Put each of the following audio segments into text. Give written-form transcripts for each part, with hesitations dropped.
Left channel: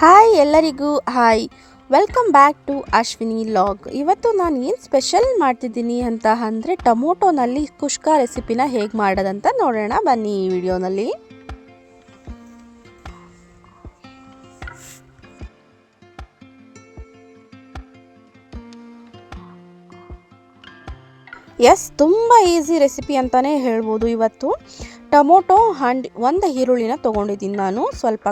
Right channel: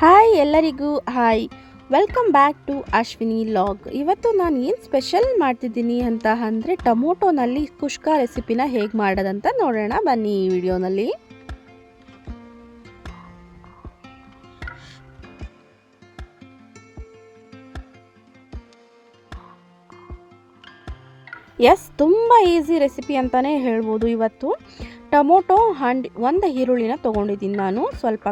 Hi ಎಲ್ಲರಿಗೂ hi welcome back to Ashwini log. ಇವತ್ತು ನಾನು ಏನು ಸ್ಪೆಷಲ್ ಮಾಡ್ತಿದ್ದೀನಿ ಅಂತ ಅಂದರೆ ಟೊಮೊಟೊನಲ್ಲಿ ಕುಷ್ಕ ರೆಸಿಪಿನ ಹೇಗೆ ಮಾಡೋದಂತ ನೋಡೋಣ ಬನ್ನಿ ಈ ವಿಡಿಯೋನಲ್ಲಿ. ಎಸ್, ತುಂಬ ಈಸಿ ರೆಸಿಪಿ ಅಂತಲೇ ಹೇಳ್ಬೋದು. ಇವತ್ತು ಟೊಮೊಟೊ ಒಂದು ಈರುಳ್ಳಿನ ತೊಗೊಂಡಿದ್ದೀನಿ ನಾನು, ಸ್ವಲ್ಪ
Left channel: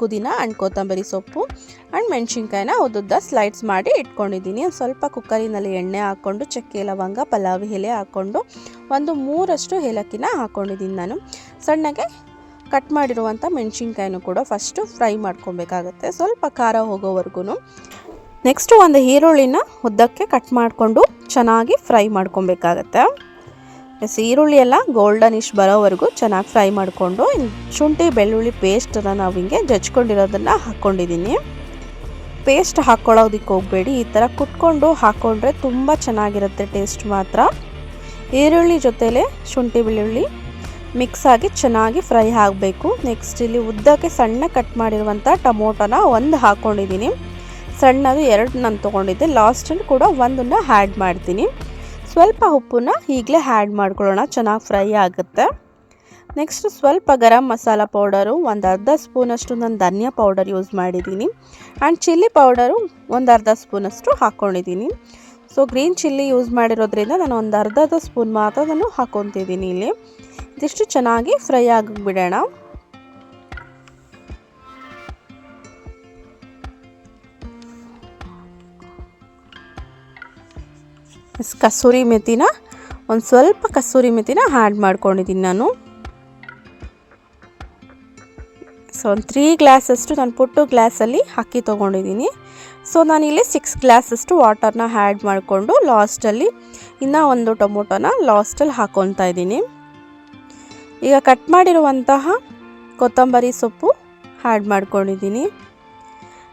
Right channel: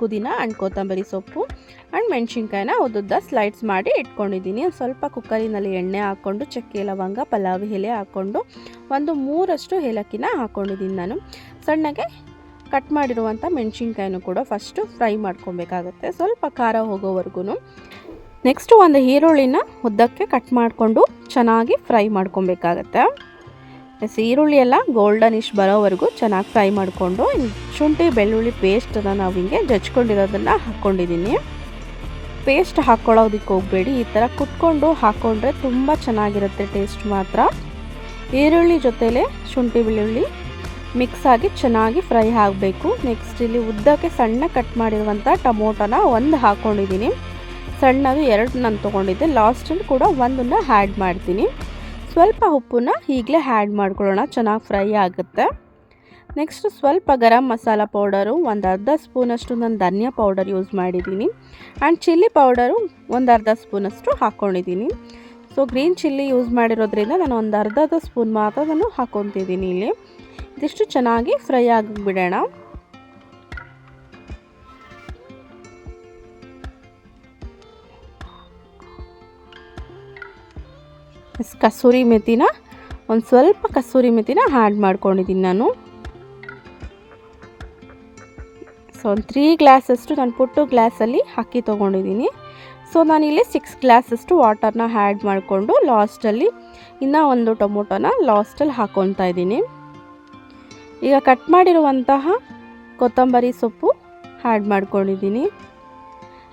ಕುದಿನ ಆ್ಯಂಡ್ ಕೊತ್ತಂಬರಿ ಸೊಪ್ಪು ಆ್ಯಂಡ್ ಮೆಣಸಿನ್ಕಾಯಿನ ಉದ್ದುದ್ದ ಸ್ಲೈಡ್ಸ್ ಮಾಡಿ ಇಟ್ಕೊಂಡಿದ್ದೀನಿ. ಸ್ವಲ್ಪ ಕುಕ್ಕರಿನಲ್ಲಿ ಎಣ್ಣೆ ಹಾಕ್ಕೊಂಡು ಚಕ್ಕೆ ಲವಂಗ ಪಲಾವ್ ಎಲೆ ಹಾಕ್ಕೊಂಡು ಒಂದು 3 ಏಲಕ್ಕಿನ ಹಾಕ್ಕೊಂಡಿದ್ದೀನಿ ನಾನು. ಸಣ್ಣಗೆ ಕಟ್ ಮಾಡಿರುವಂಥ ಮೆಣಸಿನ್ಕಾಯಿನೂ ಕೂಡ ಫಸ್ಟು ಫ್ರೈ ಮಾಡ್ಕೊಬೇಕಾಗತ್ತೆ, ಸ್ವಲ್ಪ ಖಾರ ಹೋಗೋವರೆಗೂ. ನೆಕ್ಸ್ಟು ಒಂದು ಈರುಳ್ಳಿನ ಉದ್ದಕ್ಕೆ ಕಟ್ ಮಾಡಿಕೊಂಡು ಚೆನ್ನಾಗಿ ಫ್ರೈ ಮಾಡ್ಕೊಬೇಕಾಗತ್ತೆ. ಈರುಳ್ಳಿ ಎಲ್ಲ ಗೋಲ್ಡನಿಶ್ ಬರೋವರೆಗೂ ಚೆನ್ನಾಗಿ ಫ್ರೈ ಮಾಡಿಕೊಂಡು ಶುಂಠಿ ಬೆಳ್ಳುಳ್ಳಿ ಪೇಸ್ಟನ್ನು ನಾವು ಹಿಂಗೆ ಜಜ್ಕೊಂಡಿರೋದನ್ನು ಹಾಕ್ಕೊಂಡಿದ್ದೀನಿ. ಪೇಸ್ಟ್ ಹಾಕ್ಕೊಳ್ಳೋದಕ್ಕೆ ಹೋಗಬೇಡಿ, ಈ ಥರ ಕುಟ್ಕೊಂಡು ಹಾಕ್ಕೊಂಡ್ರೆ ತುಂಬ ಚೆನ್ನಾಗಿರುತ್ತೆ ಟೇಸ್ಟ್ ಮಾತ್ರ. ಈರುಳ್ಳಿ ಜೊತೆಲೇ ಶುಂಠಿ ಬೆಳ್ಳುಳ್ಳಿ ಮಿಕ್ಸ್ ಆಗಿ ಚೆನ್ನಾಗಿ ಫ್ರೈ ಆಗಬೇಕು. ನೆಕ್ಸ್ಟ್ ಇಲ್ಲಿ ಉದ್ದಕ್ಕೆ ಸಣ್ಣ ಕಟ್ ಮಾಡಿರುವಂಥ ಟೊಮೊಟೊನ ಒಂದು ಹಾಕ್ಕೊಂಡಿದ್ದೀನಿ. ಸಣ್ಣದು 2 ನಾನು ತೊಗೊಂಡಿದ್ದೆ. ಲಾಸ್ಟಲ್ಲಿ ಕೂಡ ಒಂದನ್ನು ಆ್ಯಡ್ ಮಾಡ್ತೀನಿ. ಸ್ವಲ್ಪ ಉಪ್ಪನ್ನ ಈಗಲೇ ಆ್ಯಡ್ ಮಾಡ್ಕೊಳ್ಳೋಣ, ಚೆನ್ನಾಗಿ ಫ್ರೈ ಆಗುತ್ತೆ. ನೆಕ್ಸ್ಟ್ ಸ್ವಲ್ಪ ಗರಂ ಮಸಾಲ ಪೌಡರು, ಒಂದು ಅರ್ಧ ಸ್ಪೂನಷ್ಟು ನಾನು ಧನಿಯಾ ಪೌಡರ್ ಯೂಸ್ ಮಾಡಿದ್ದೀನಿ. ಆ್ಯಂಡ್ ಚಿಲ್ಲಿ ಪೌಡರು ಒಂದು ಅರ್ಧ ಸ್ಪೂನಷ್ಟು ಹಾಕ್ಕೊಂಡಿದ್ದೀನಿ. ಸೊ ಗ್ರೀನ್ ಚಿಲ್ಲಿ ಯೂಸ್ ಮಾಡಿರೋದ್ರಿಂದ ನಾನು ಒಂದು ಅರ್ಧ ಸ್ಪೂನ್ ಮಾತ್ರ ನಾನು ಹಾಕ್ಕೊತಿದ್ದೀನಿ ಇಲ್ಲಿ. ಇದಿಷ್ಟು ಚೆನ್ನಾಗಿ ಫ್ರೈ ಆಗಿಬಿಡೋಣ. ಕಸೂರಿ ಮೆಥಿನ ಒಂದು ಸ್ವಲ್ಪ ಕಸೂರಿ ಮೆಥಿನ ಆ್ಯಡ್ ಮಾಡ್ಕೊಂಡಿದ್ದೀನಿ ನಾನು. ಸೊ ಒಂದು 3 ಗ್ಲಾಸಷ್ಟು ನಾನು ಪುಟ್ಟು ಗ್ಲಾಸಲ್ಲಿ ಅಕ್ಕಿ ತೊಗೊಂಡಿದ್ದೀನಿ. ಸೊ ನಾನಿಲ್ಲಿ 6 ಗ್ಲಾಸಷ್ಟು ವಾಟರ್ನ ಆ್ಯಡ್ ಮಾಡಿಕೊಂಡು ಲಾಸ್ಟಲ್ಲಿ ಇನ್ನೂ ಒಂದು ಟೊಮೊಟೊನ ಲಾಸ್ಟಲ್ಲಿ ಹಾಕ್ಕೊತಾ ಇದ್ದೀನಿ. ಈಗ ಕಟ್ ಮಾಡಿರುವಂತಹ ಕೊತ್ತಂಬರಿ ಸೊಪ್ಪು ಆ್ಯಡ್ ಮಾಡ್ಕೊಂಡಿದ್ದೀನಿ.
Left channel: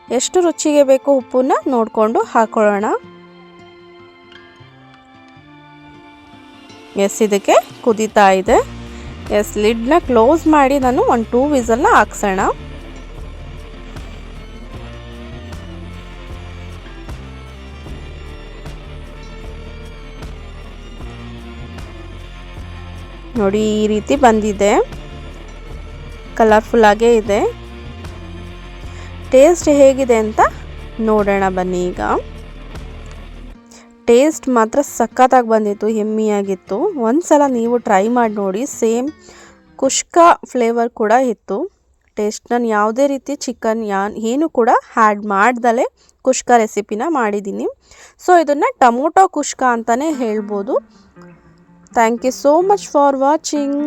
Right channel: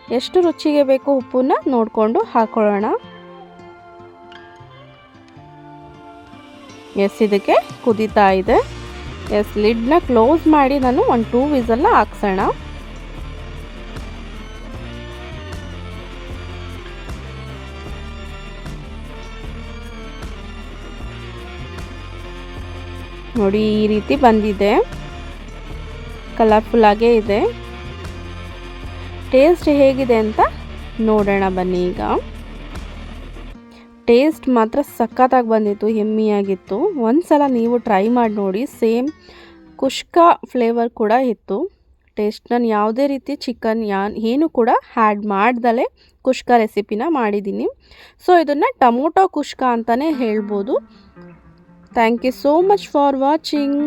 ಎಷ್ಟು ರುಚಿಗೆ ಬೇಕು ಉಪ್ಪನ್ನ ನೋಡಿಕೊಂಡು ಹಾಕ್ಕೊಳ್ಳೋಣ. ಎಸ್, ಇದಕ್ಕೆ ಕುದೀತಾ ಇದೆ. ಎಸ್, ಲಿಡ್ನ ಕ್ಲೋಸ್ ಮಾಡಿ ನಾನು ಒಂದು 2 ವಿಸಲ್ನ ಹಾಕ್ಸೋಣ. ನೋಡಿ, ಈ ರೀತಿ ಬಂದಿದೆ, ಕಲರ್ಫುಲ್ಲಾಗೇ ಇದೆ. ಟೇಸ್ಟ್ ಹೇಗಿದೆ ಅಂತ ನೋಡೋಣ ಬನ್ನಿ. ಈಗ ಟೇಸ್ಟ್ ಮಾತ್ರ ಸಖತ್ತಾಗಿ ಬಂದಿತ್ತು, ಯಮ್ಮಿಯಾಗಿತ್ತು. ಒಂದ್ಸಲ ನೀವು ಟ್ರೈ ಮಾಡಿ ನೋಡಿ. ಸೇಮ್ ಕುಷ್ಕ ಫ್ಲೇವರ್ ಕೂಡ ಇತ್ತು ಟೇಸ್ಟ್. ನಾನು ಯಾವುದೇ ರೀತಿ ಚಿಕನ್ ಏನು ಕೂಡ ಆ್ಯಡ್ ಮಾಡ್ದಲೇ ಕುಷ್ಕ ರೆಸಿಪಿನ ಮಾಡಿದ್ದೀನಿ. ಸೊ ಇದನ್ನು ಟೊಮೊಟೊ ಕುಷ್ಕ ಅಂತಲೇ ಹೇಳ್ಬೋದು. Thank you so much for watching.